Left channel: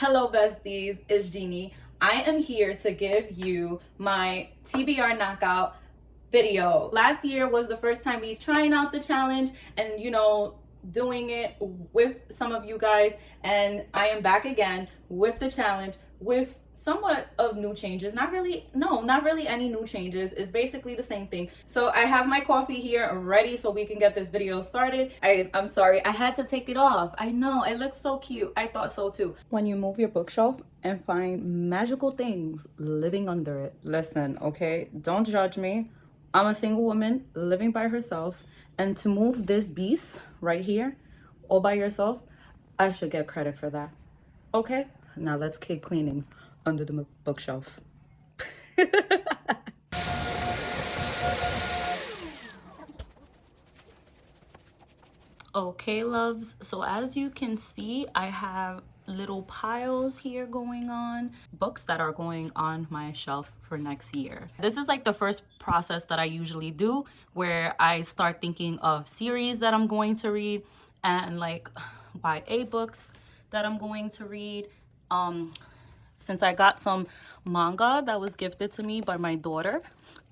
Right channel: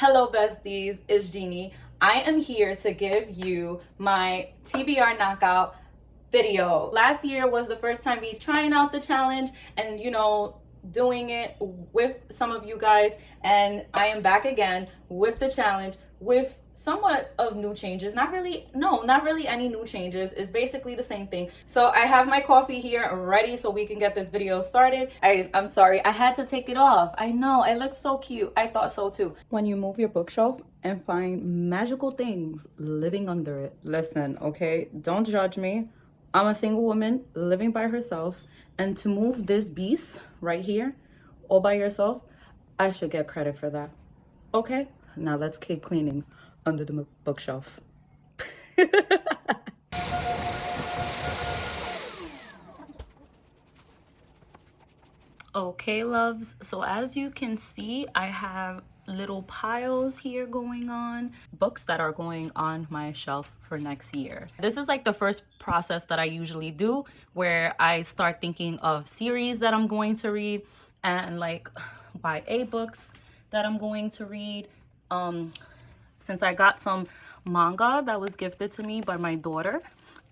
Hello besties, it's Ginnie. I am here to give you my TBR Knockout video. Last year was the first time me trying out the challenge and doing it with some of you guys, and I am back again with the challenge with somewhat of new changes. Not really any new changes. It's basically the same thing. So I have my coffee here ready so we can get this video started. I'm sorry, I had to take it off. I know, it looks so cute. I thought so too. When you move your bookshelf and find magical things living under it, listen, okay? Don't judge me. I'm a single woman living by herself, and to move this beast right here all by yourself, I should get credit for that. Okay, now let's keep cleaning under the bookshelf. Okay, loves, so as you can see, I have little piles here going on, books that are going on my shelf for next year. This is like the first process that I usually do, where I start thinking of series that I'm going to read and like YA books that I'm going to read. Since I got some manga that was gifted to me by my daughter,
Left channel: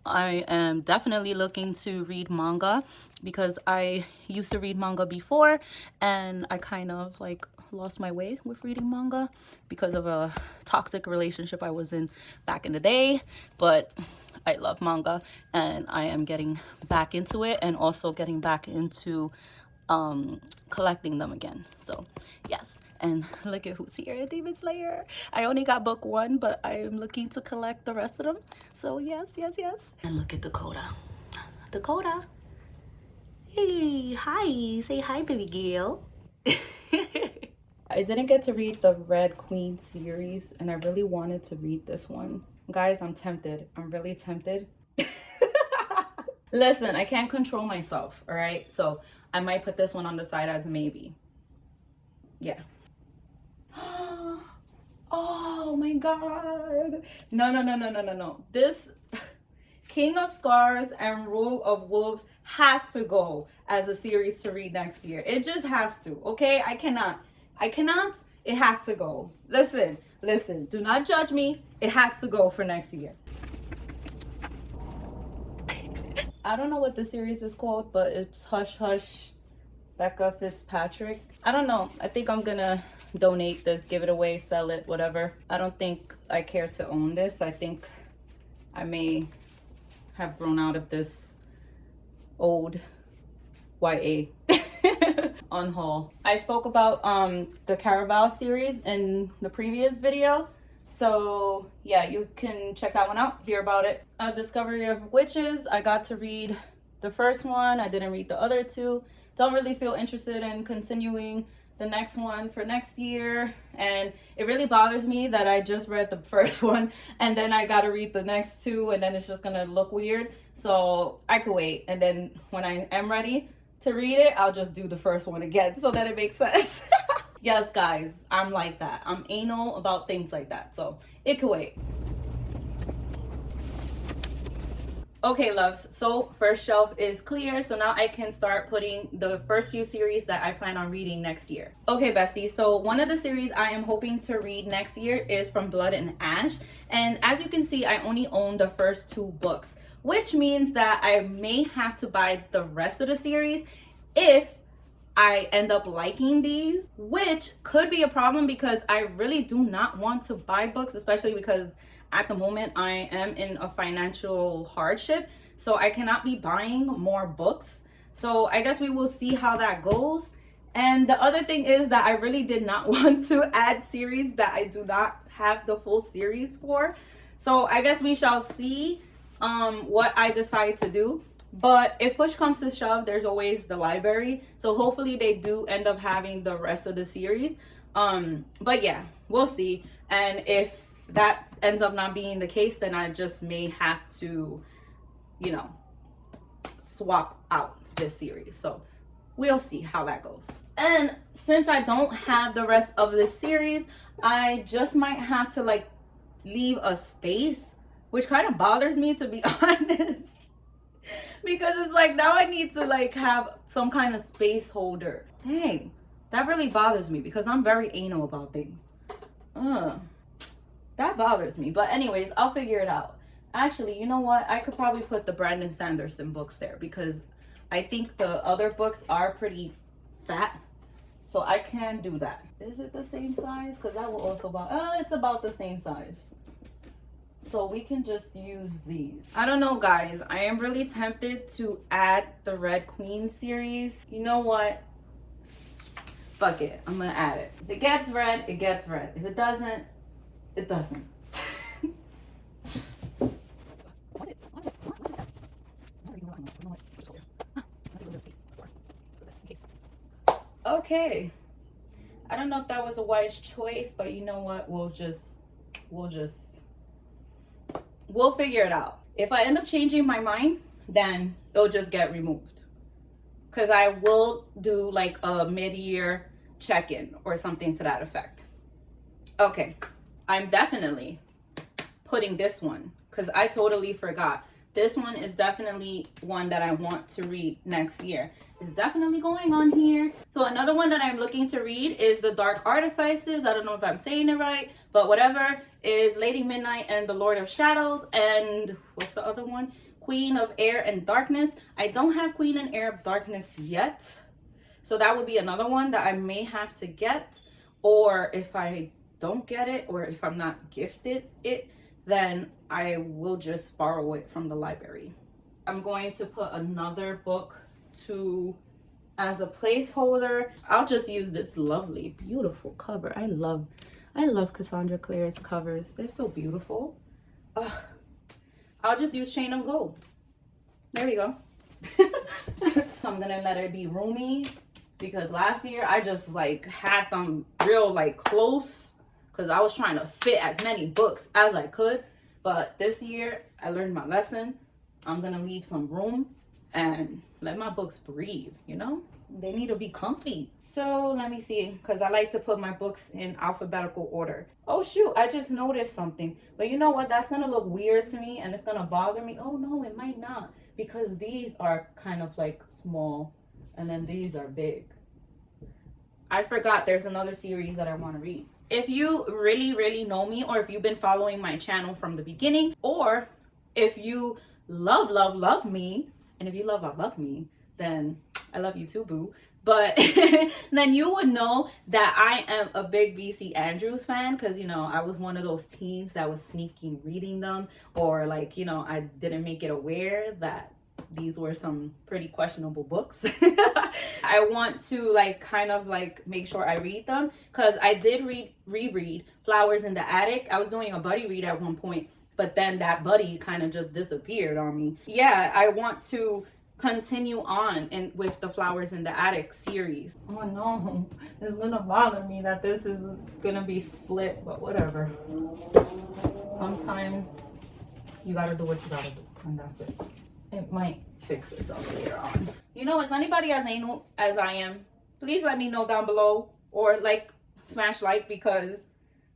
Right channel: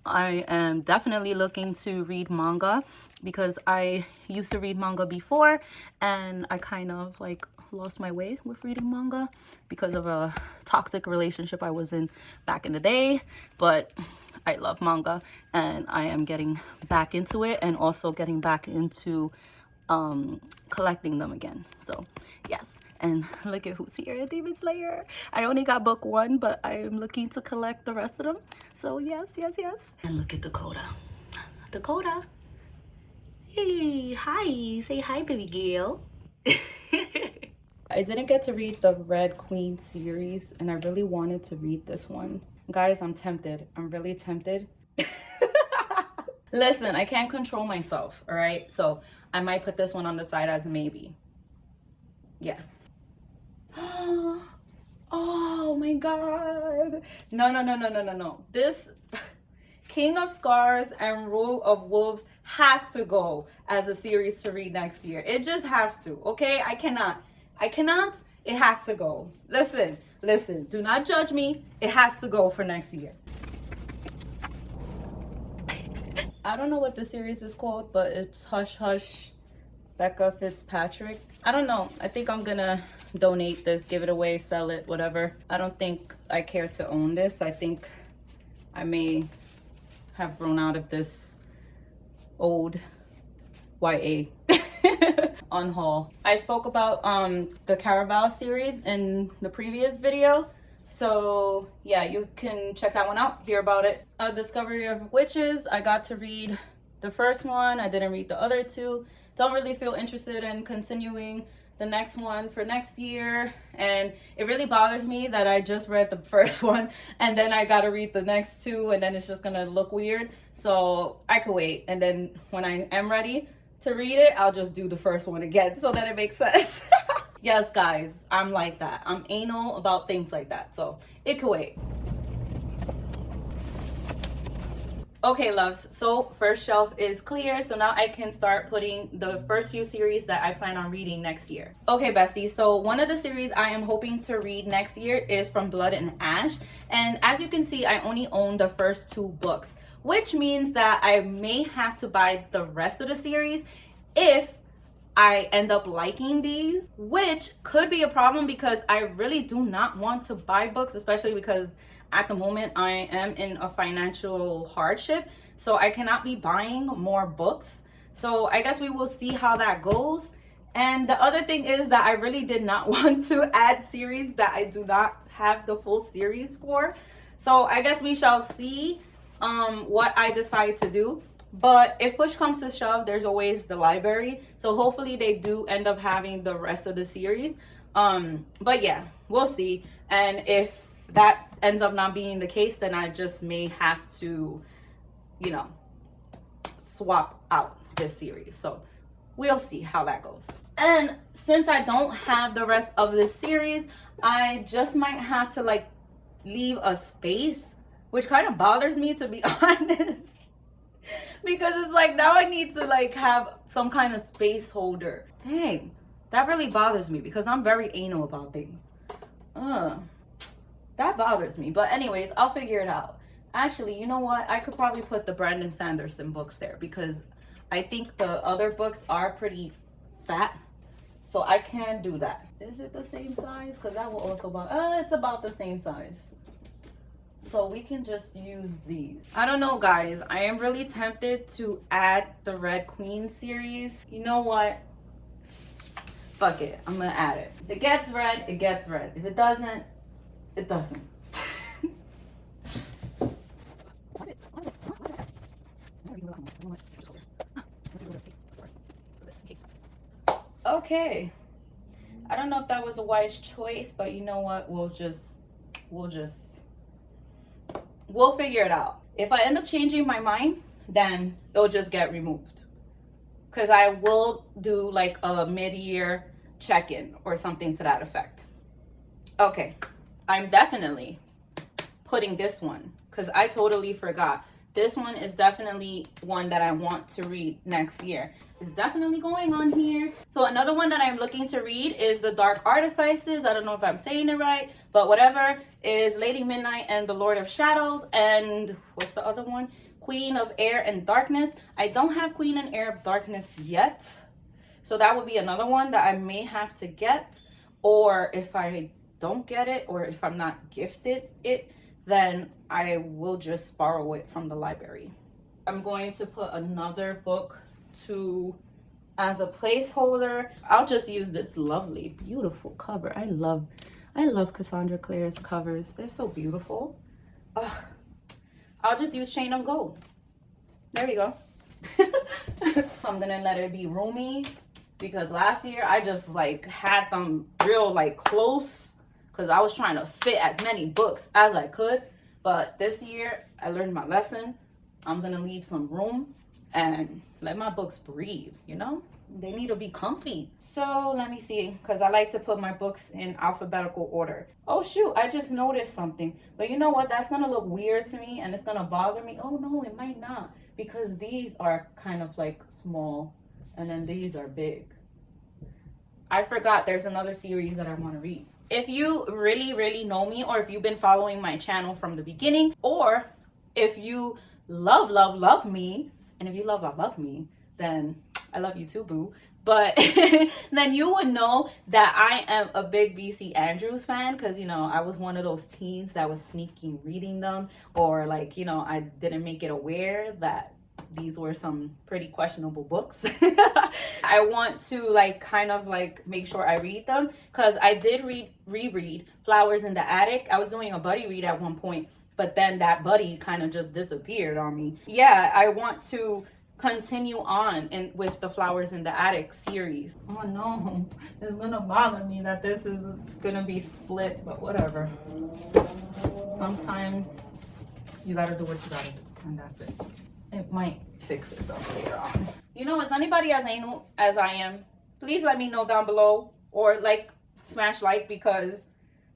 I am definitely looking to read manga because I used to read manga before and I kind of like lost my way with reading manga because of a toxic relationship I was in back in the day. But I love manga and I am getting back into it and also getting back into collecting them again. So yes, and look at who's here, Demon Slayer. I only got book 1, but I am looking to collect the rest of them. So yes. And look at Dakota. Dakota. Hey, hi. Say hi, baby girl. I didn't get to read the Red Queen series, and I really wanted to read this one. Guys, I'm tempted. I'm really tempted. Listen, I can't control myself, all right? So I might put this one on the side as a maybe. Yeah. Oh my god. No. This King of Scars and Rule of Wolves has to go as a series to read next year. It just has to, okay? I cannot. It has to go. Listen. Do not judge me. It has to go for next year. I don't know what the series is called, but it's Hush Hush Becca Fitzpatrick. I don't know. I think I'm gonna donate this, give it away, sell it, whatever. I don't think I care to own this. I think I may have grown out of this old YA on haul. I spoke about the Caraval series in the previous video. So yeah, you can check that one out, hear about it. Discovery of Witches, I got to read the first one. I didn't read the other two. Don't really feel interested in continuing the next one for next year. And it really bothers me that I just read the first one and then I got to read the next two and then it's just going to look weird. So I could wait. And then when I am ready to read it, I'll just do the first one again so that it makes sense. Yes, guys, I'm like that. I'm anal about things like that. So it could wait. Okay, loves, so first shelf is clear, so now I can start putting the first few series that I plan on reading next year. Okay, besties, so one of the series I am hoping to read next year is From Blood and Ash, and as you can see, I only own the first 2 books, which means that I may have to buy the rest of the series if I end up liking these, which could be a problem because I really do not want to buy books, especially because at the moment I am in a financial hardship, so I cannot be buying more books. So I guess we will see how that goes. And the other thing is that I really did not want to add series that I do not have the full series for. So I guess we shall see what I decide to do. But if push comes to shove, there's always the library. So hopefully they do end up having the rest of the series. But yeah, we'll see. And if that ends up not being the case, then I just may have to, swap out this series. So we'll see how that goes. And since I don't have the rest of this series, I just might have to like leave a space, which kind of bothers me, to be honest. Because it's like now I need to like have some kind of space holder. Dang, that really bothers me because I'm very anal about things. That bothers me. But anyways, I'll figure it out. Actually, you know what? I could probably put the Brandon Sanderson books there because I think the other books are pretty fat. So I can do that. Is it the same size? Because that will also bother. It's about the same size. So we can just use these. I don't know, guys. I am really tempted to add the Red Queen series. You know what? Fuck it. I'm gonna add it. If it gets read, it gets read. If it doesn't, it doesn't. Okay. I don't know if that was a wise choice, but you know what? We'll figure it out. If I end up changing my mind, then it'll just get removed. Because I will do like a mid-year check-in or something to that effect. Okay, I'm definitely putting this one because I totally forgot. This one is definitely one that I want to read next year. It's definitely going on here. So another one that I'm looking to read is The Dark Artifices. I don't know if I'm saying it right, but whatever, is Lady Midnight and the Lord of Shadows. And what's the other one? Queen of Air and Darkness. I don't have Queen and Air of Darkness yet. So that would be another one that I may have to get. Or if I don't get it, or if I'm not gifted it, then I will just borrow it from the library. I'm going to put another book as a placeholder. I'll just use this lovely, beautiful cover. I love Cassandra Clare's covers. They're so beautiful. Ugh. I'll just use Chain of Gold. There we go. I'm gonna let it be roomy because last year I just like had them real like close because I was trying to fit as many books as I could. But this year I learned my lesson. I'm gonna leave some room and let my books breathe, you know? They need to be comfy. So let me see, because I like to put my books in alphabetical order. Oh shoot, I just noticed something. But you know what? That's gonna look weird to me and it's gonna bother me. Oh no, it might not, because these are kind of like small and then these are big. I forgot there's another series that I want to read. If you really know me, or if you've been following my channel from the beginning, or if you love me, and if you love me, then I love you too, boo. But then you would know that I am a big VC Andrews fan, because, you know, I was one of those teens that was sneaking reading them, or like, you know, I didn't make it aware that these were some pretty questionable books. I want to like kind of like make sure I read them, because I did reread Flowers in the Attic. I was doing a buddy read at one point, but then that buddy kind of just disappeared on me. Yeah, I want to continue on with the Flowers in the Attic series. Oh no, it's gonna bother me that this is gonna be split, but whatever. Sometimes you gotta do what you gotta do, and that's it. It might fix itself later on. You know, is anybody as anal as I am? Please let me know down below, or like smash like, because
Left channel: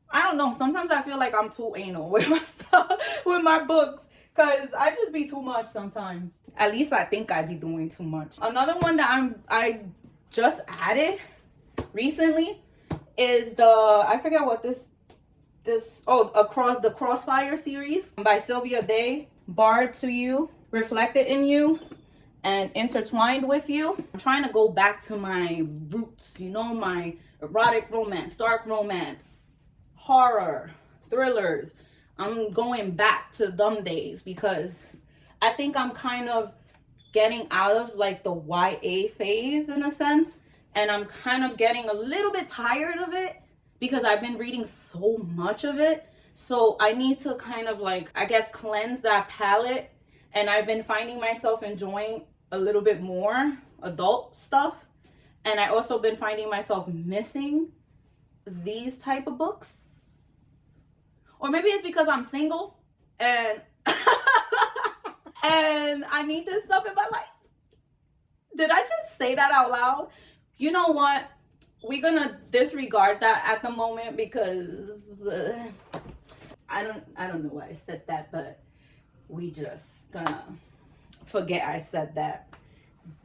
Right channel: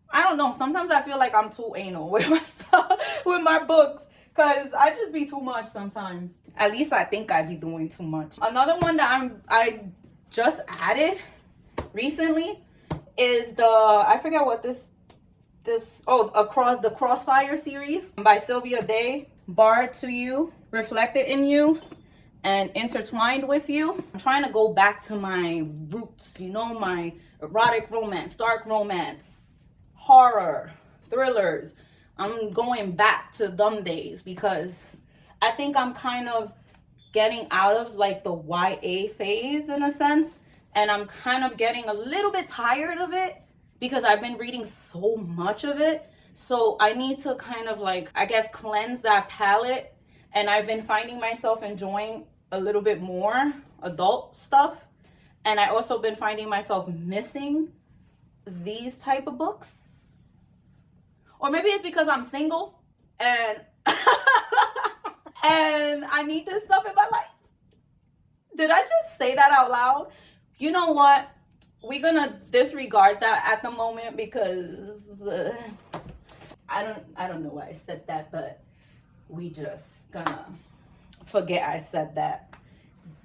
I don't know, sometimes I feel like I'm too anal with my stuff, with my books, because I just be too much sometimes. At least I think I be doing too much. Another one that I just added recently is I forget what the Crossfire series by Sylvia Day. Barred to You, Reflected in You, and Intertwined with You. I'm trying to go back to my roots, you know, my erotic romance, dark romance, horror, thrillers. I'm going back to them days because I think I'm kind of getting out of like the YA phase in a sense, and I'm kind of getting a little bit tired of it because I've been reading so much of it. So I need to kind of like, I guess, cleanse that palette, and I've been finding myself enjoying a little bit more adult stuff, and I also been finding myself missing these type of books. Or maybe it's because I'm single and and I need this stuff in my life. Did I just say that out loud? You know what? We're gonna disregard that at the moment because I don't know why I said that, but we just gonna forget I said that.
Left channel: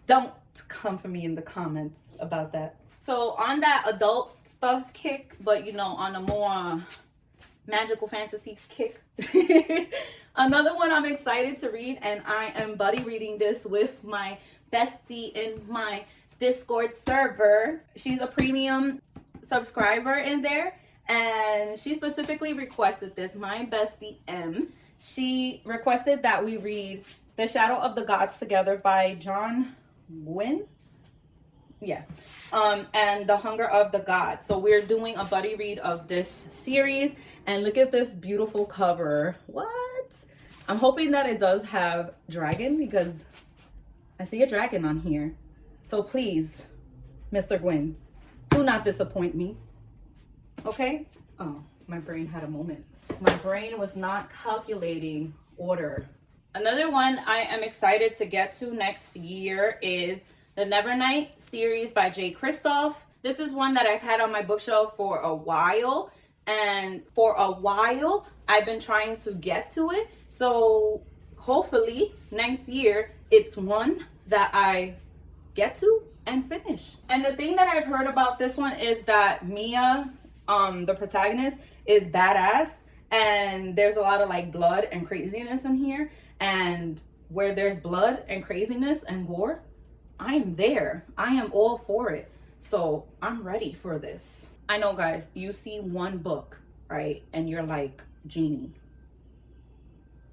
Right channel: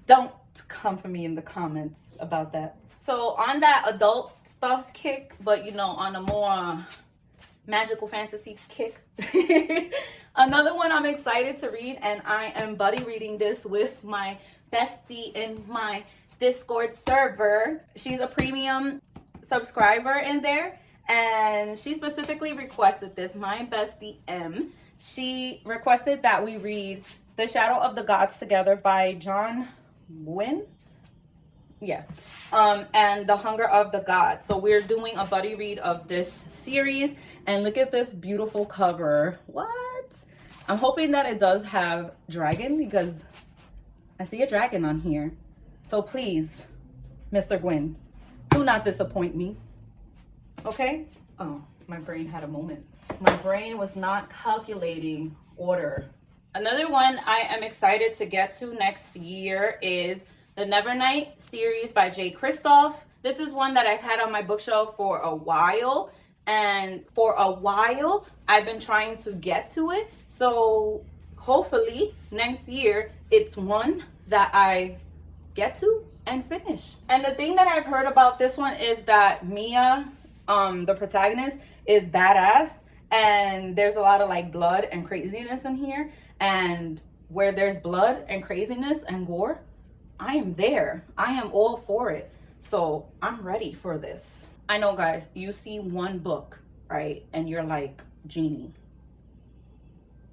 Don't come for me in the comments about that. So on that adult stuff kick, but you know, on a more magical fantasy kick, another one I'm excited to read, and I am buddy reading this with my bestie in my Discord server. She's a premium subscriber in there, and she specifically requested this. My bestie M, she requested that we read The Shadow of the Gods together by John Gwynne. Yeah. And The Hunger of the Gods. So we're doing a buddy read of this series, and look at this beautiful cover. What? I'm hoping that it does have dragon, because I see a dragon on here. So please, Mr. Gwynne, do not disappoint me. Okay? Oh, my brain had a moment. My brain was not calculating order. Another one I am excited to get to next year is the Nevernight series by Jay Kristoff. This is one that I've had on my bookshelf for a while, and for a while I've been trying to get to it. So hopefully next year it's one that I get to and finish. And the thing that I've heard about this one is that Mia, the protagonist, is badass, and there's a lot of like blood and craziness in here, and where there's blood and craziness and gore, I am there. I am all for it. So I'm ready for this. I know, guys, you see one book, right? And you're like, Ginnie,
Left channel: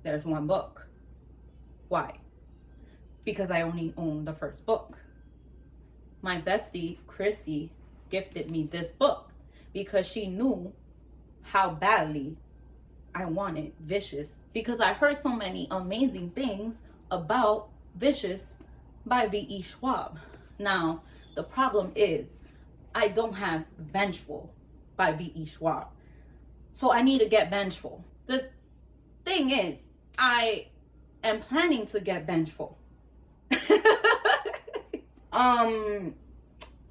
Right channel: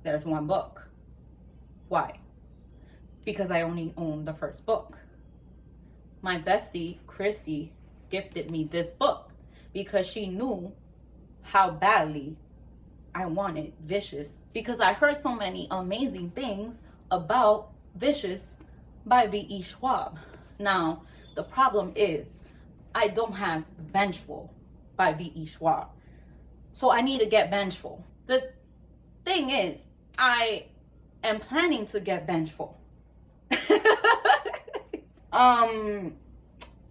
there's one book. Why? Because I only own the first book. My bestie, Chrissy, gifted me this book because she knew how badly I wanted Vicious, because I heard so many amazing things about Vicious by V.E. Schwab. Now, the problem is I don't have Vengeful by V.E. Schwab. So I need to get Vengeful. The thing is, I am planning to get Vengeful.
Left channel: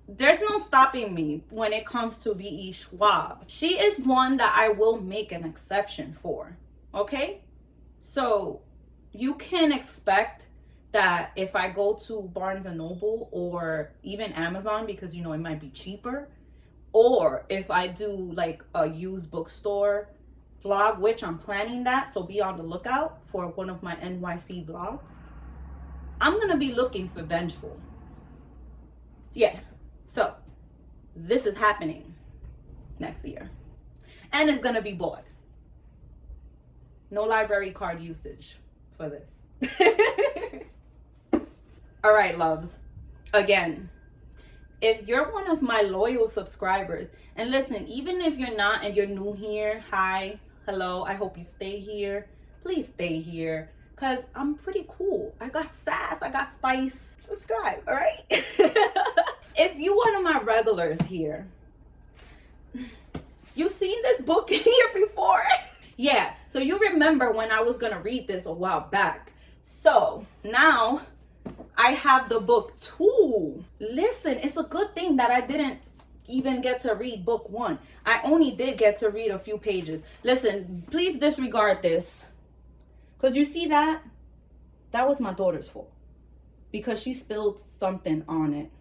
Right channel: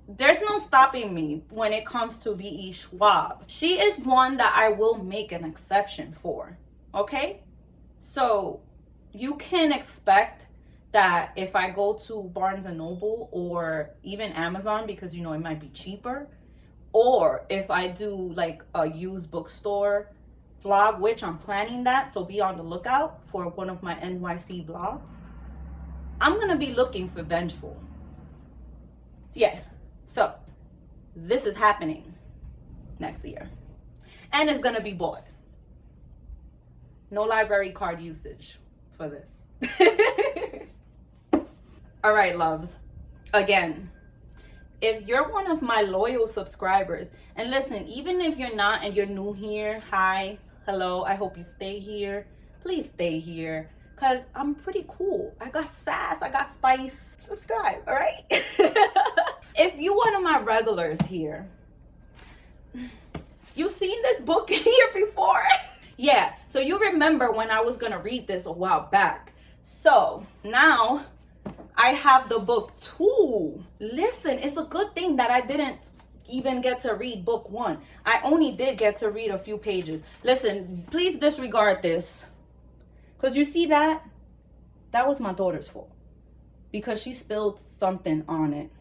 There's no stopping me when it comes to V.E. Schwab. She is one that I will make an exception for, okay? So you can expect that if I go to Barnes and Noble or even Amazon, because you know it might be cheaper, or if I do like a used bookstore vlog, which I'm planning that, so be on the lookout for one of my NYC vlogs, I'm gonna be looking for Vengeful. Yeah, so this is happening next year, and it's gonna be bought. No library card usage for this. All right, loves. Again, if you're one of my loyal subscribers, and listen, even if you're not and you're new here, hi, hello, I hope you stay here. Please stay here, because I'm pretty cool. I got sass, I got spice. Subscribe, all right? If you one of my regulars here, you've seen this book here before. Yeah, so you remember when I was gonna read this a while back. So now I have the book 2. Listen, it's a good thing that I didn't even get to read book 1. I only did get to read a few pages. Listen, please disregard this, because you see that was my daughter's fault, because she spilled something on it.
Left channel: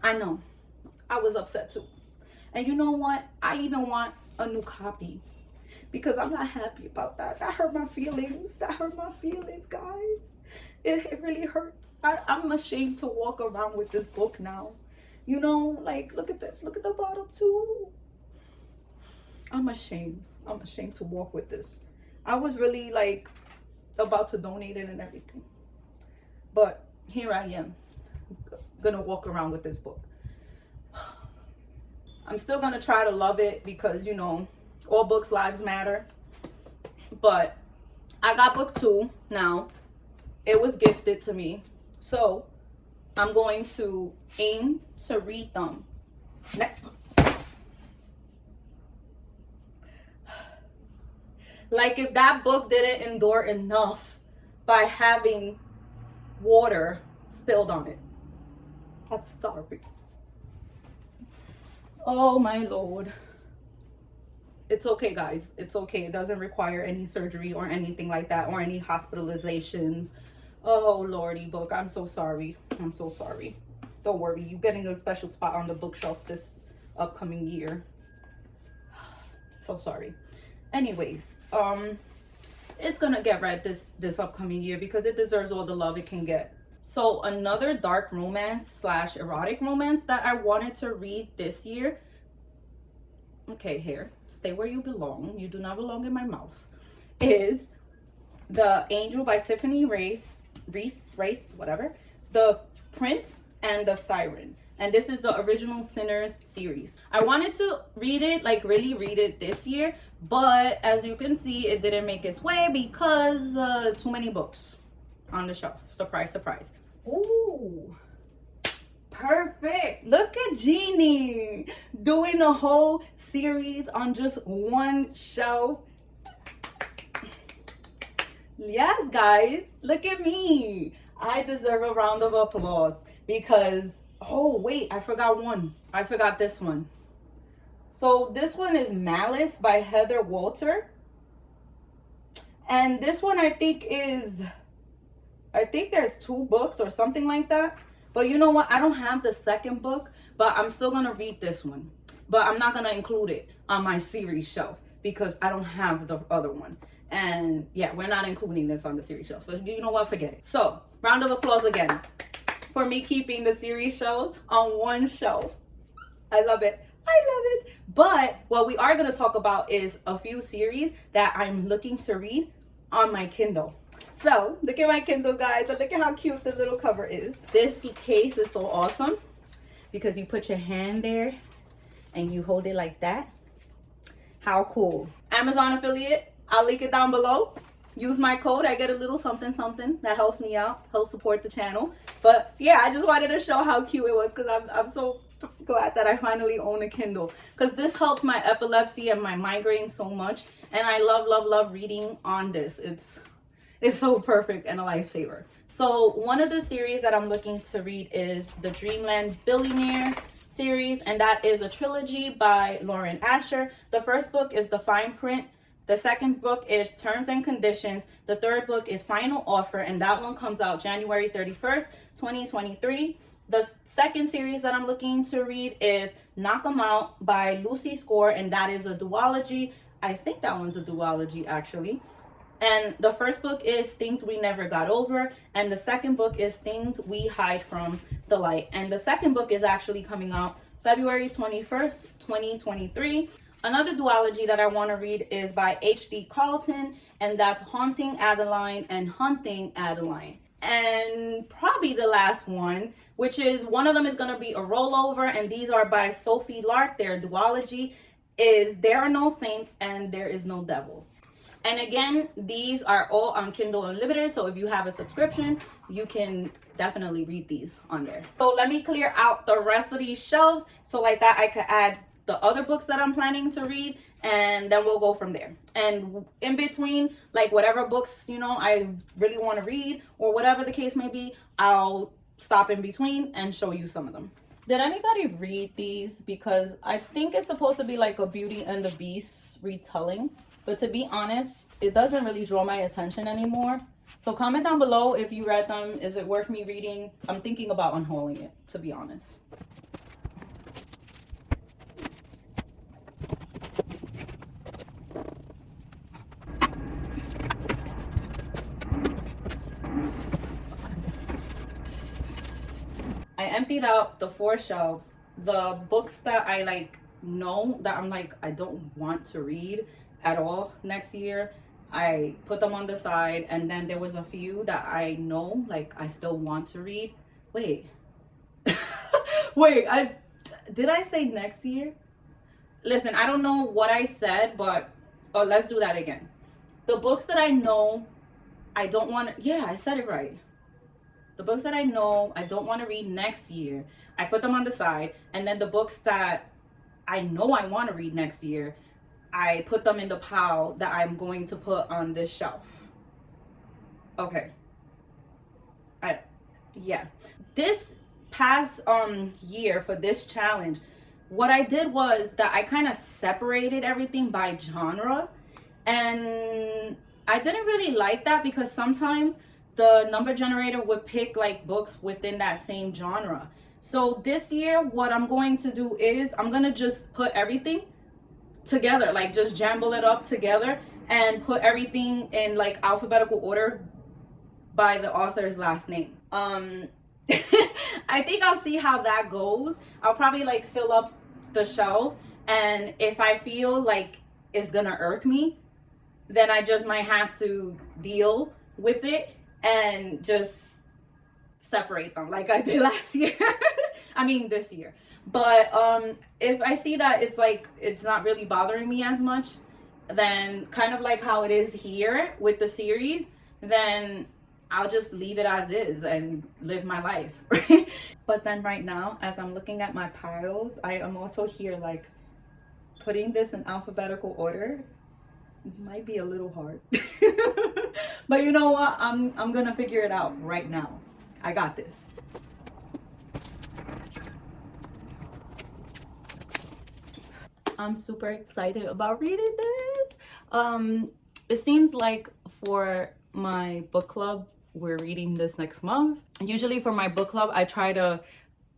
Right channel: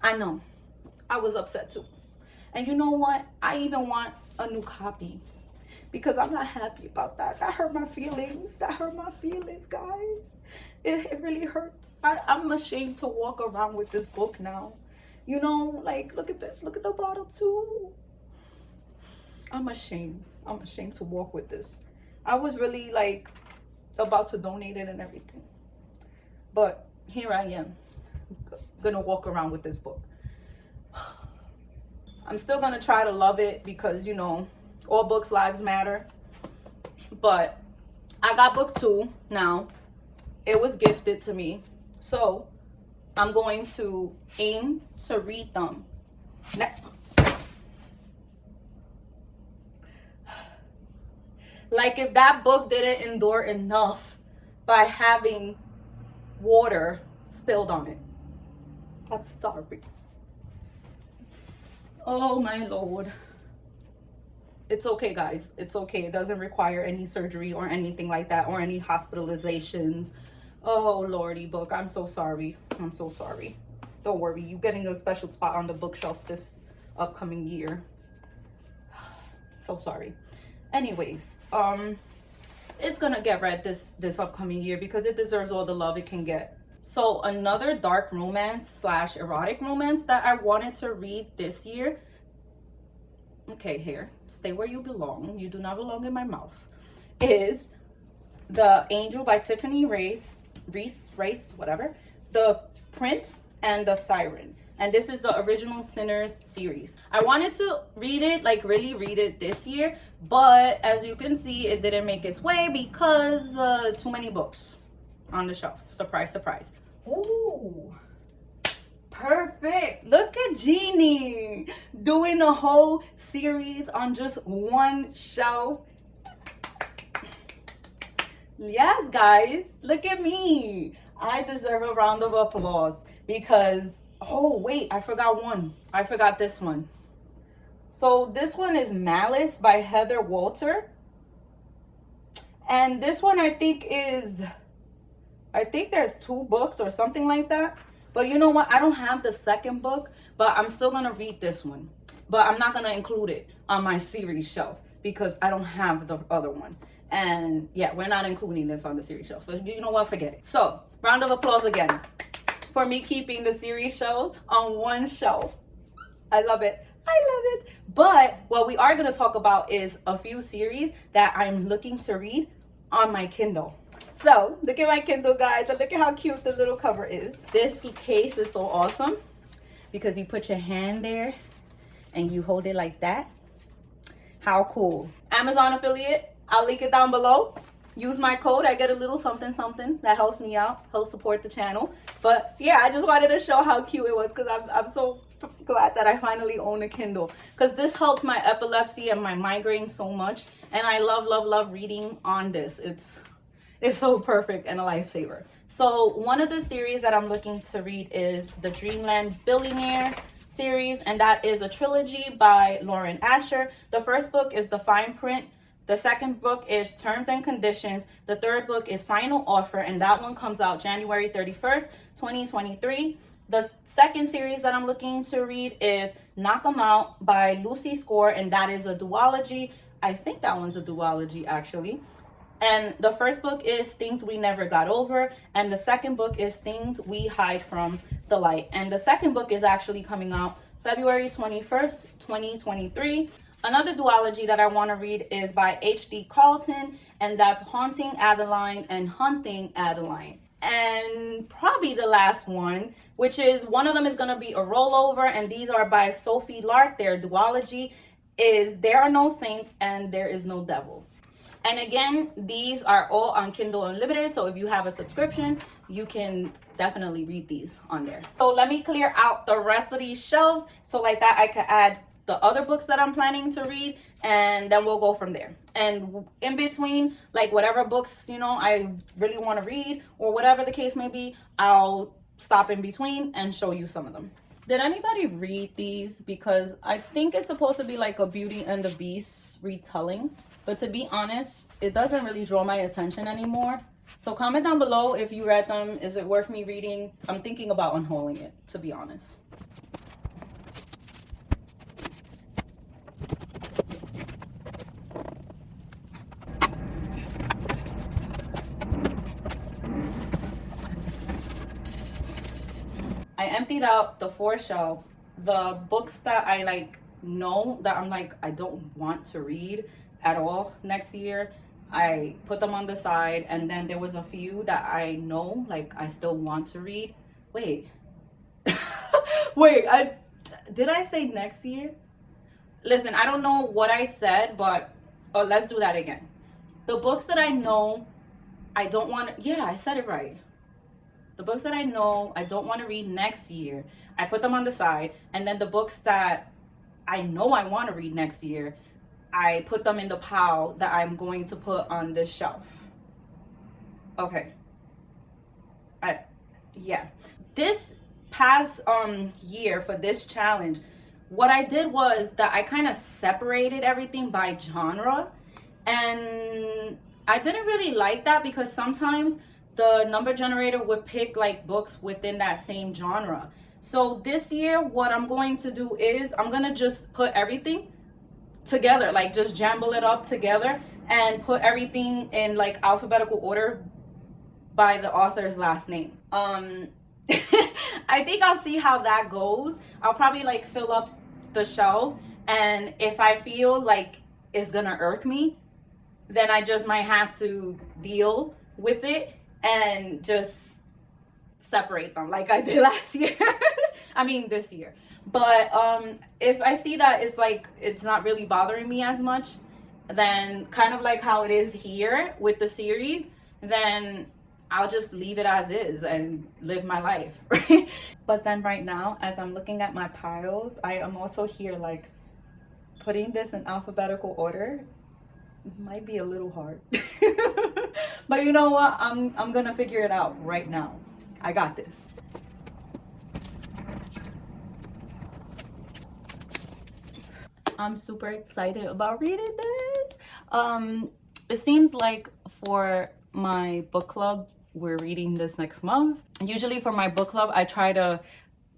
I know, I was upset too. And you know what? I even want a new copy, because I'm not happy about that. That hurt my feelings. That hurt my feelings, guys. It really hurts. I'm ashamed to walk around with this book now. You know, like, look at this. Look at the bottle too. I'm ashamed. I'm ashamed to walk with this. I was really like about to donate it and everything. But here I am, gonna walk around with this book. I'm still gonna try to love it, because you know, all books lives matter. But I got book 2 now. It was gifted to me, so I'm going to aim to read them. Like, if that book didn't endure enough by having water spilled on it, I'm sorry. Oh my Lord. It's okay, guys. It's okay. It doesn't require any surgery or anything like that, or any hospitalizations. Oh Lordy book, I'm so sorry. I'm so sorry. don't worry, you're getting a special spot on the bookshelf this upcoming year. So sorry. Anyways, it's gonna get read this upcoming year because it deserves all the love it can get. So another dark romance slash erotic romance that I wanted to read this year. Okay, here, stay where you belong. You do not belong in my mouth. Is The Angel by Tiffany Reese, whatever. The Prince and the Siren. And this is the original Sinners series. I wanted to read it, like really read it this year, but as you can see, it didn't make its way because too many books on the shelf. Surprise, surprise. Ooh, perfect. Look at Ginnie doing a whole series on just one shelf. Yes, guys, look at me. I deserve a round of applause because, oh wait, I forgot one. I forgot this one. So this one is Malice by Heather Walter. And this one I think there's 2 books or something like that. But you know what? I don't have the second book, but I'm still gonna read this one. But I'm not gonna include it on my series shelf because I don't have the other one. And yeah, we're not including this on the series shelf. But you know what? Forget it. So round of applause again for me keeping the series shelf on one shelf. I love it. I love it. But what we are going to talk about is a few series that I'm looking to read on my Kindle. So look at my Kindle, guys, and look at how cute the little cover is. This case is so awesome because you put your hand there and you hold it like that. How cool. Amazon affiliate. I'll link it down below. Use my code. I get a little something that helps me out, helps support the channel. But yeah, I just wanted to show how cute it was because I'm so glad that I finally own a Kindle because this helps my epilepsy and my migraine so much. And I love reading on this. It's so perfect and a lifesaver. So one of the series that I'm looking to read is the Dreamland Billionaire series, and that is a trilogy by Lauren Asher. The first book is The Fine Print. The second book is Terms and Conditions. The third book is Final Offer, and that one comes out January 31st, 2023. The second series that I'm looking to read is Knock 'Em Out by Lucy Score, and that is a duology. I think that one's a duology, actually. And the first book is Things We Never Got Over, and the second book is Things We Hide From the Light. And the second book is actually coming out February 21st, 2023. Another duology that I want to read is by H.D. Carlton, and that's Haunting Adeline and Hunting Adeline. And probably the last one, which is one of them is going to be a rollover, and these are by Sophie Lark. Their duology is There Are No Saints and There Is No Devil. And again, these are all on Kindle Unlimited, so if you have a subscription, you can definitely read these on there. So let me clear out the rest of these shelves so like that I could add the other books that I'm planning to read, and then we'll go from there. And in between, like whatever books, you know, I really want to read or whatever the case may be, I'll stop in between and show you some of them. Did anybody read these? Because I think it's supposed to be like a Beauty and the Beast retelling, but to be honest, it doesn't really draw my attention anymore. So comment down below if you read them. Is it worth me reading? I'm thinking about unhauling it, to be honest. I emptied out the 4 shelves. The books that I like know that I'm like I don't want to read at all next year, I put them on the side, and then there was a few that I know like I still want to read. Wait. Wait, did I say next year? Listen, I don't know what I said, but let's do that again. The books that I know I don't want to, yeah, I said it right. The books that I know I don't want to read next year, I put them on the side. And then the books that I know I want to read next year, I put them in the pile that I'm going to put on this shelf. Okay. Yeah. This past year for this challenge, what I did was that I kind of separated everything by genre. And I didn't really like that because sometimes the number generator would pick like books within that same genre. So this year, what I'm going to do is I'm gonna just put everything together, like just jumble it up together and put everything in like alphabetical order by the author's last name. I think I'll see how that goes. I'll probably like fill up the shelf, and if I feel like it's gonna irk me, then I just might have to deal with it and just separate them like I did last year. I mean this year. But if I see that it's like it's not really bothering me as much, then kind of like how it is here with the series, then I'll just leave it as is and live my life. But then right now, as I'm looking at my piles, I am also here like putting this in alphabetical order. Might be a little hard. But you know what? I'm gonna figure it out right now. I got this. I'm super excited about reading this. It seems like for my book club, we're reading this next month. Usually for my book club, I try to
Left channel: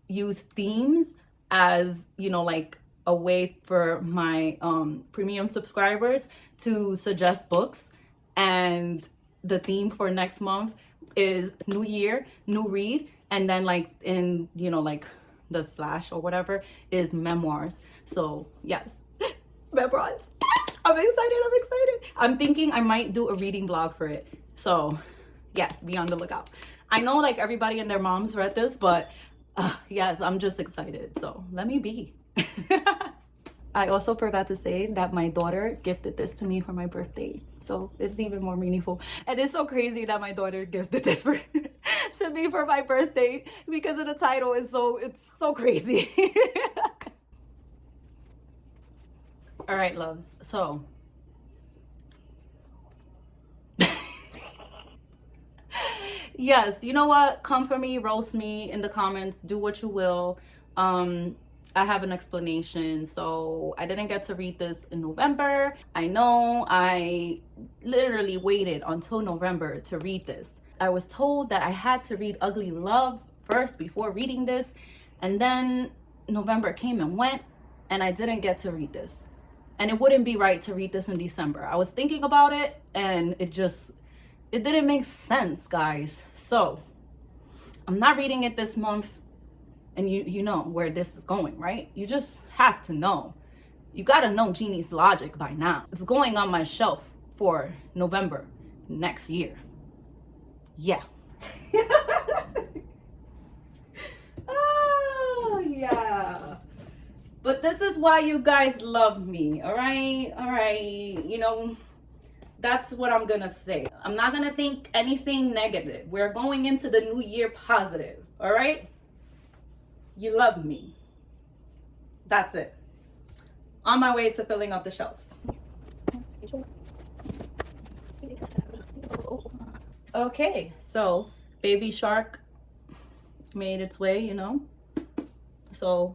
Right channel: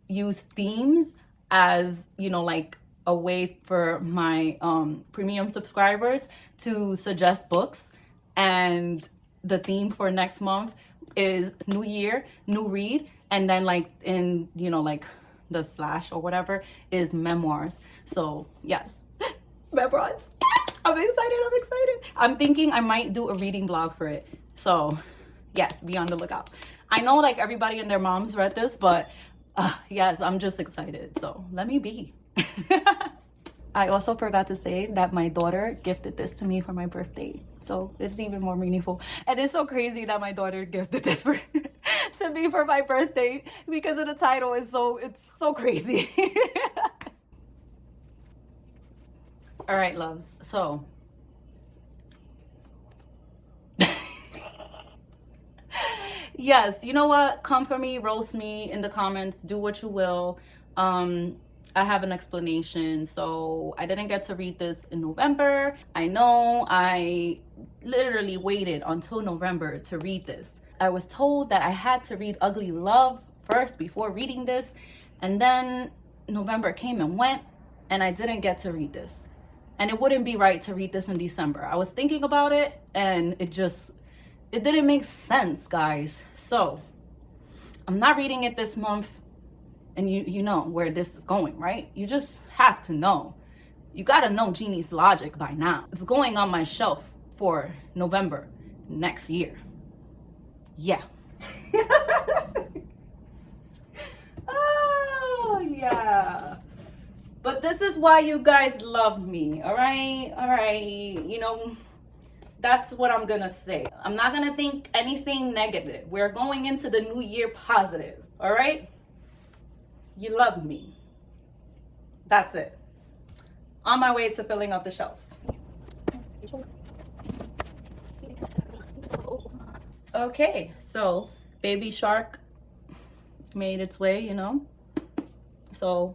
use themes as, you know, like a way for my premium subscribers to suggest books. And the theme for next month is New Year, New Read. And then like in, you know, like the slash or whatever is memoirs. So yes, memoirs. I'm excited. I'm thinking I might do a reading blog for it. So yes, be on the lookout. I know like everybody and their moms read this, but yes, I'm just excited. So let me be. I also forgot to say that my daughter gifted this to me for my birthday. So it's even more meaningful. And it's so crazy that my daughter gifted this to me for my birthday because of the title. It's so crazy. All right, loves. So yes, you know what? Come for me, roast me in the comments, do what you will. I have an explanation. So I didn't get to read this in November. I know I literally waited until November to read this. I was told that I had to read Ugly Love first before reading this. And then November came and went and I didn't get to read this. And it wouldn't be right to read this in December. I was thinking about it and it didn't make sense, guys. So I'm not reading it this month. And you know where this is going, right? You just have to know. You gotta know Ginnie's logic by now. It's going on my shelf for November next year. Yeah. Oh, yeah. But this is why you guys love me, all right? All right, you know, that's what I'm gonna say. I'm not gonna think anything negative. We're going into the new year positive, all right? You love me. That's it. On my way to filling up the shelves. Okay, so Baby Shark made its way, you know. So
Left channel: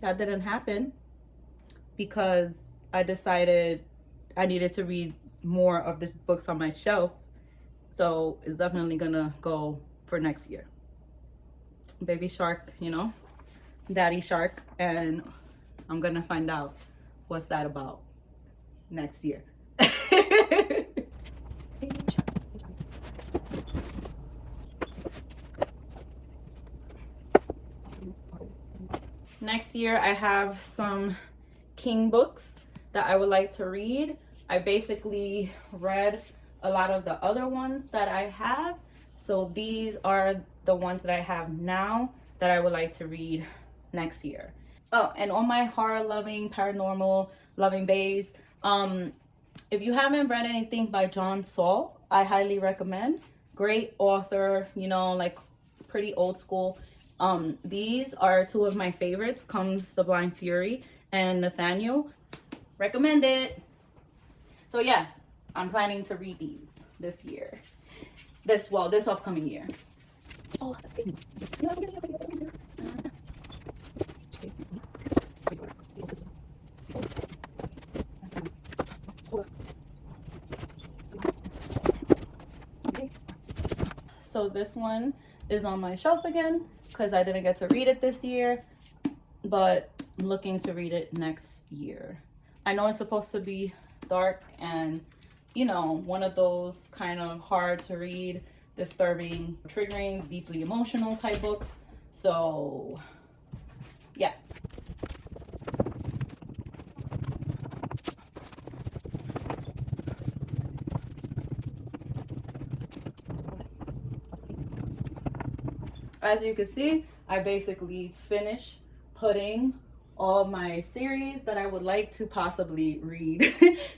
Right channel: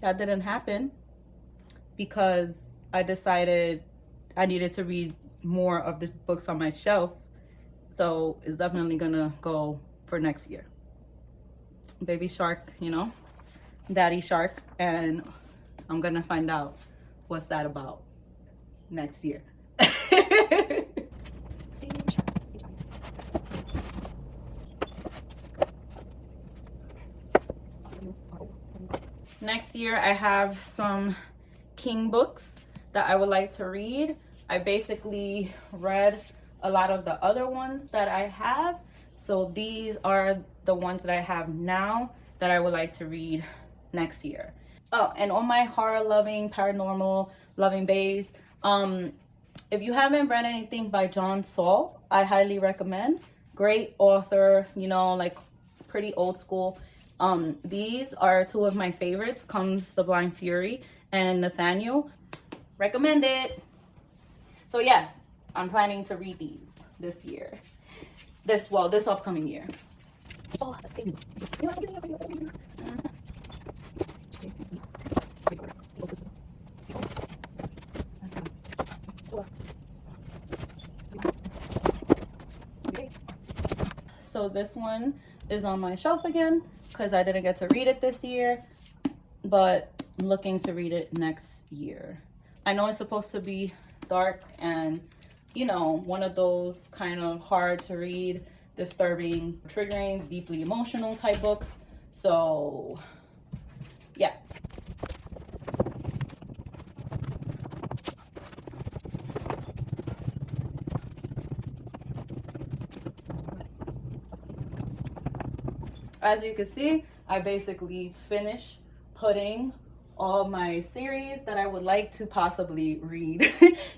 that didn't happen because I decided I needed to read more of the books on my shelf. So it's definitely gonna go for next year. Baby Shark, you know, Daddy Shark, and I'm gonna find out what's that about next year. Next year I have some King books that I would like to read. I basically read a lot of the other ones that I have. So these are the ones that I have now that I would like to read next year. Oh, and on my horror loving, paranormal loving bays, if you haven't read anything by John Saul, I highly recommend. Great author, you know, like pretty old school. These are two of my favorites, Comes the Blind Fury and Nathaniel. Recommend it. So yeah, I'm planning to read these this year. This upcoming year. So this one is on my shelf again. because I didn't get to read it this year, but I'm looking to read it next year. I know it's supposed to be dark and, you know, one of those kind of hard to read, disturbing, triggering, deeply emotional type books. So yeah. As you can see, I basically finished putting all my series that I would like to possibly read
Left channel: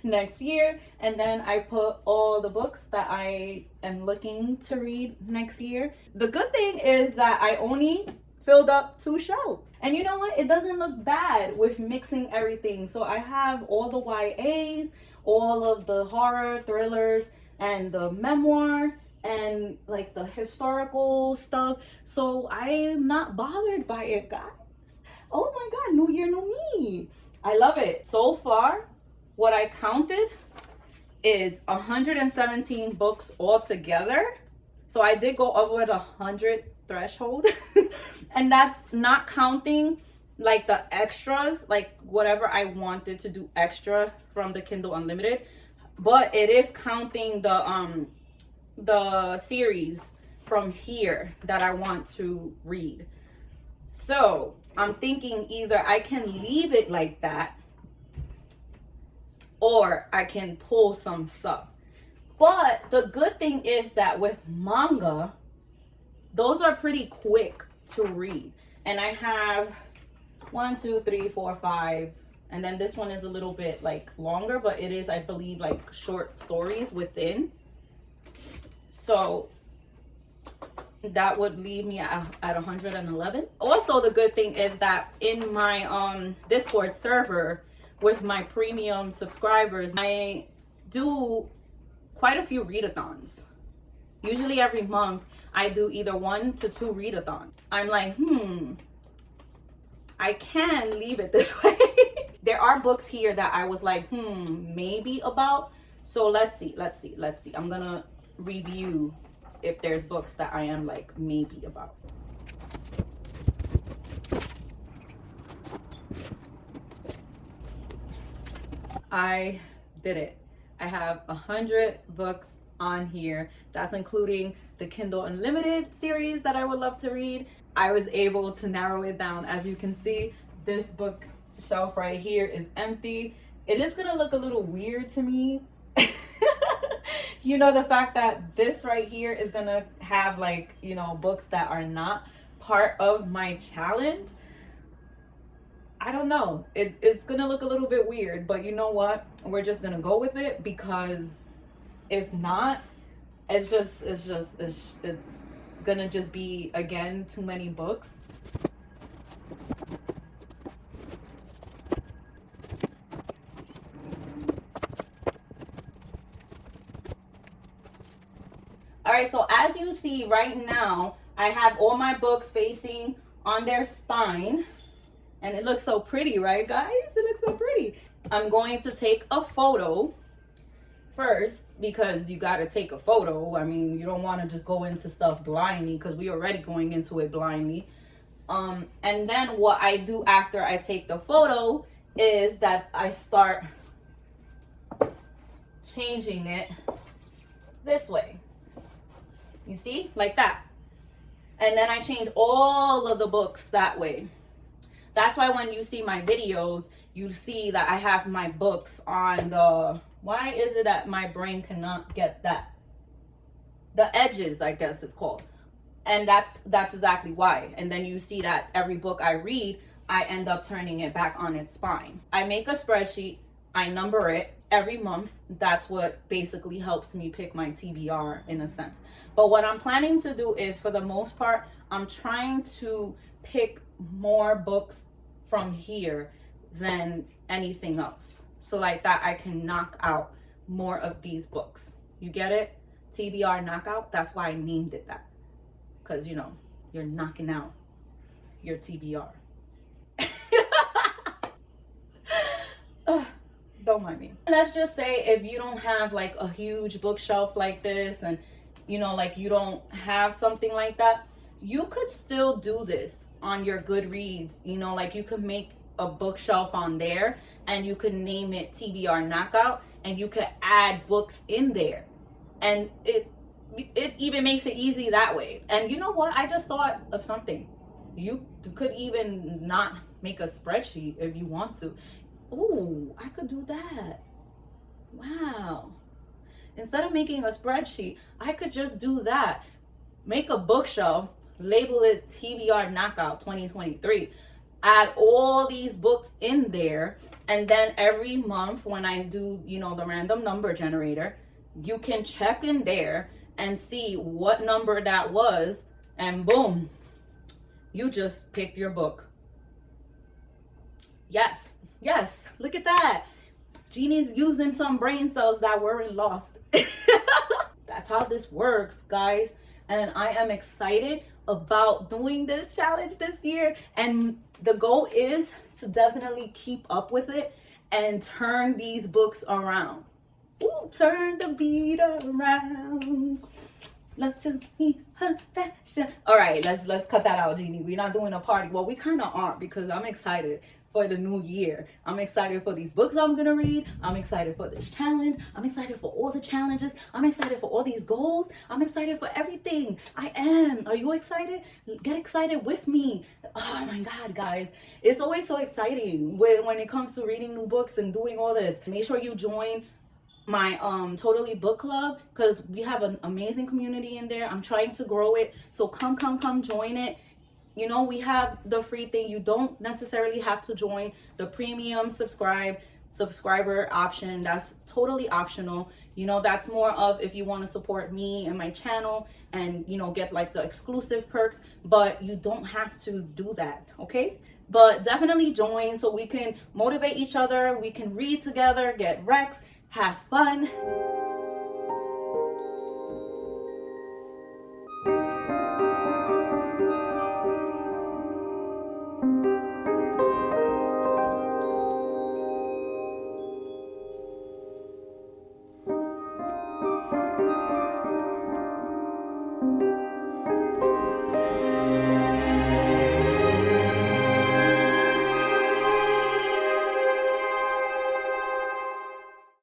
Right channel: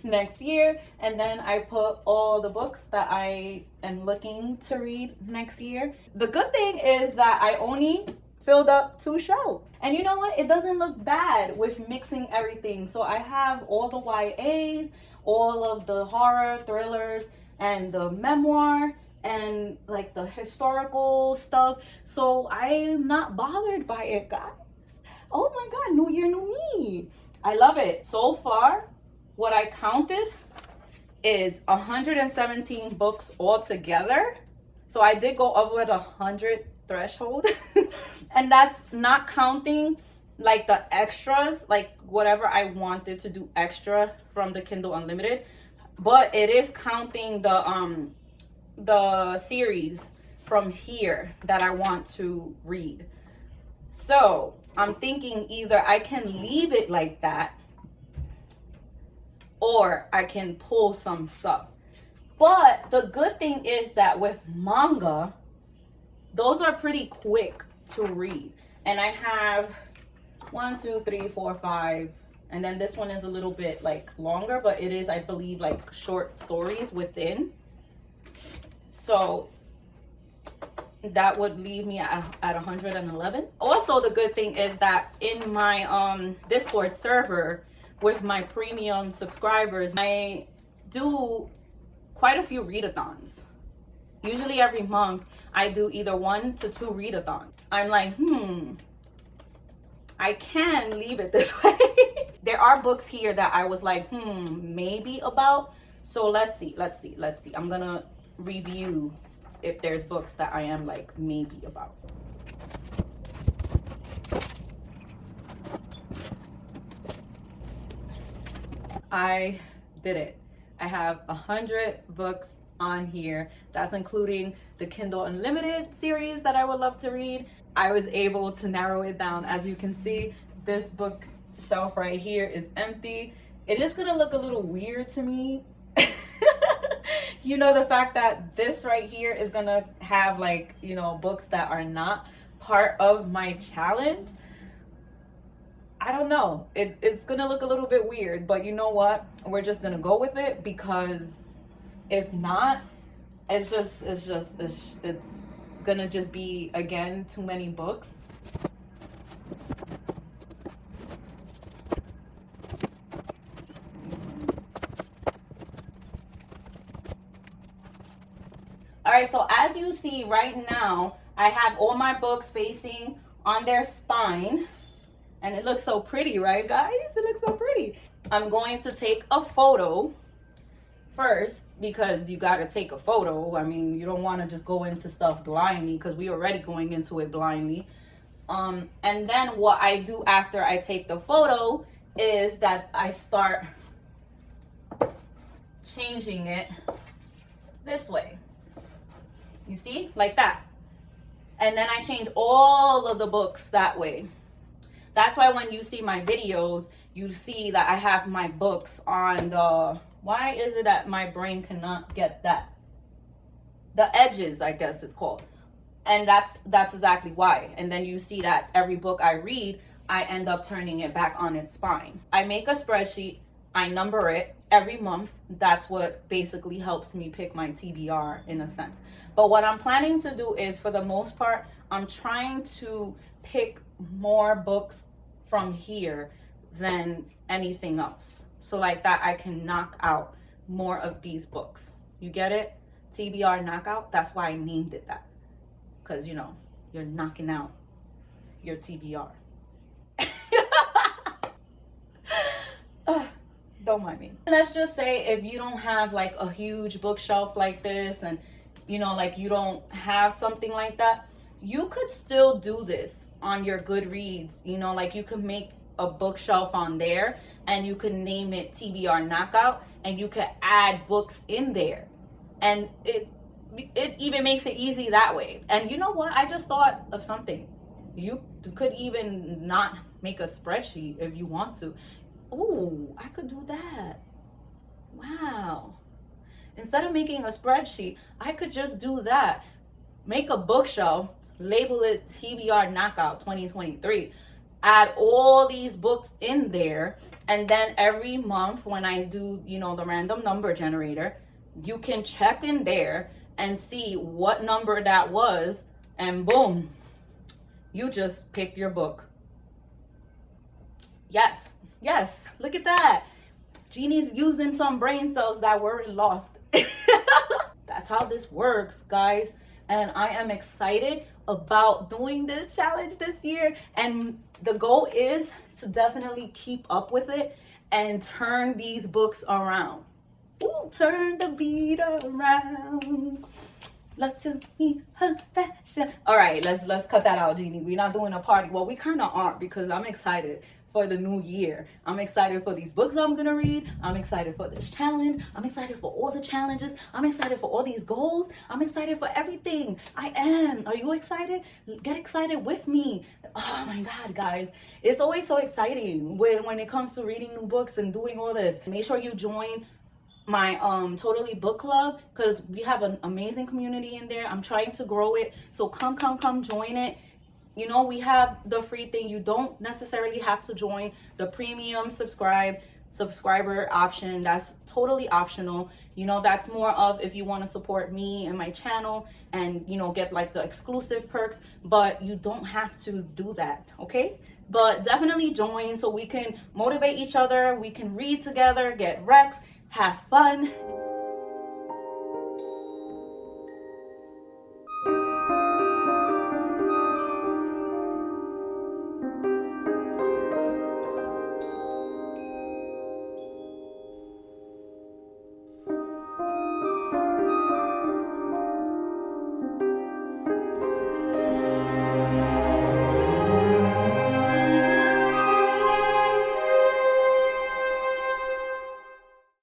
next year. And then I put all the books that I am looking to read next year. The good thing is that I only filled up 2 shelves. And you know what? It doesn't look bad with mixing everything. So I have all the YAs, all of the horror, thrillers, and the memoir, and like the historical stuff. So I'm not bothered by it, guys. Oh my God, new year, new me. I love it. So far, what I counted is 117 books altogether. So I did go over the 100 threshold. And that's not counting like the extras, like whatever I wanted to do extra from the Kindle Unlimited. But it is counting the series from here that I want to read. So I'm thinking either I can leave it like that or I can pull some stuff. But the good thing is that with manga, those are pretty quick to read. And I have 1, 2, 3, 4, 5. And then this one is a little bit like longer, but it is, I believe, like short stories within. So that would leave me at 111. Also, the good thing is that in my Discord server with my premium subscribers, I do quite a few readathons. Usually every month I do either 1 to 2 readathons. I'm like, I can leave it this way. There are books here that I was like, maybe about. So let's see. I'm gonna review if there's books that I am like maybe about. I did it. I have 100 books on here. That's including the Kindle Unlimited series that I would love to read. I was able to narrow it down. As you can see, this bookshelf right here is empty. It is gonna look a little weird to me. You know, the fact that this right here is gonna have like, you know, books that are not part of my challenge. I don't know. It's gonna look a little bit weird, but you know what? We're just gonna go with it, because if not, it's gonna just be, again, too many books. All right, so as you see right now, I have all my books facing on their spine, and it looks so pretty, right, guys? It looks so pretty. I'm going to take a photo first, because you got to take a photo. I mean, you don't want to just go into stuff blindly, because we're already going into it blindly. And then what I do after I take the photo is that I start changing it this way. You see, like that. And then I change all of the books that way. That's why when you see my videos, you see that I have my books on the, why is it that my brain cannot get that? The edges, I guess it's called. And that's exactly why. And then you see that every book I read, I end up turning it back on its spine. I make a spreadsheet, I number it every month. That's what basically helps me pick my TBR in a sense. But what I'm planning to do is, for the most part, I'm trying to pick more books from here than anything else. So like that, I can knock out more of these books. You get it? TBR Knockout. That's why I named it that. Because, you know, you're knocking out your TBR. Don't mind me. Let's just say if you don't have like a huge bookshelf like this, and you know, like you don't have something like that, You could still do this on your Goodreads, you know, like you could make a bookshelf on there and you could name it TBR Knockout and you could add books in there. And it even makes it easy that way. And you know what? I just thought of something. You could even not make a spreadsheet if you want to. Oh, I could do that. Wow. Instead of making a spreadsheet, I could just do that. Make a bookshelf, label it TBR Knockout 2023. Add all these books in there. And then every month when I do, you know, the random number generator, you can check in there and see what number that was. And boom, you just picked your book. Yes, yes, look at that. Ginnie's using some brain cells that weren't lost. That's how this works, guys. And I am excited about doing this challenge this year. And the goal is to definitely keep up with it and turn these books around. Ooh, turn the beat around. Love to be her fashion. All right, let's cut that out, Ginnie. We're not doing a party. Well, we kind of are because I'm excited for the new year. I'm excited for these books I'm gonna read. I'm excited for this challenge. I'm excited for all the challenges. I'm excited for all these goals. I'm excited for everything. I am. Are you excited? Get excited with me. Oh my God, guys. It's always so exciting when it comes to reading new books and doing all this. Make sure you join my Totally Book Club because we have an amazing community in there. I'm trying to grow it. So come join it. You know, we have the free thing. You don't necessarily have to join the premium subscriber option. That's totally optional. You know, that's more of if you want to support me and my channel and, you know, get like the exclusive perks, but you don't have to do that, okay? But definitely join so we can motivate each other. We can read together, get recs, have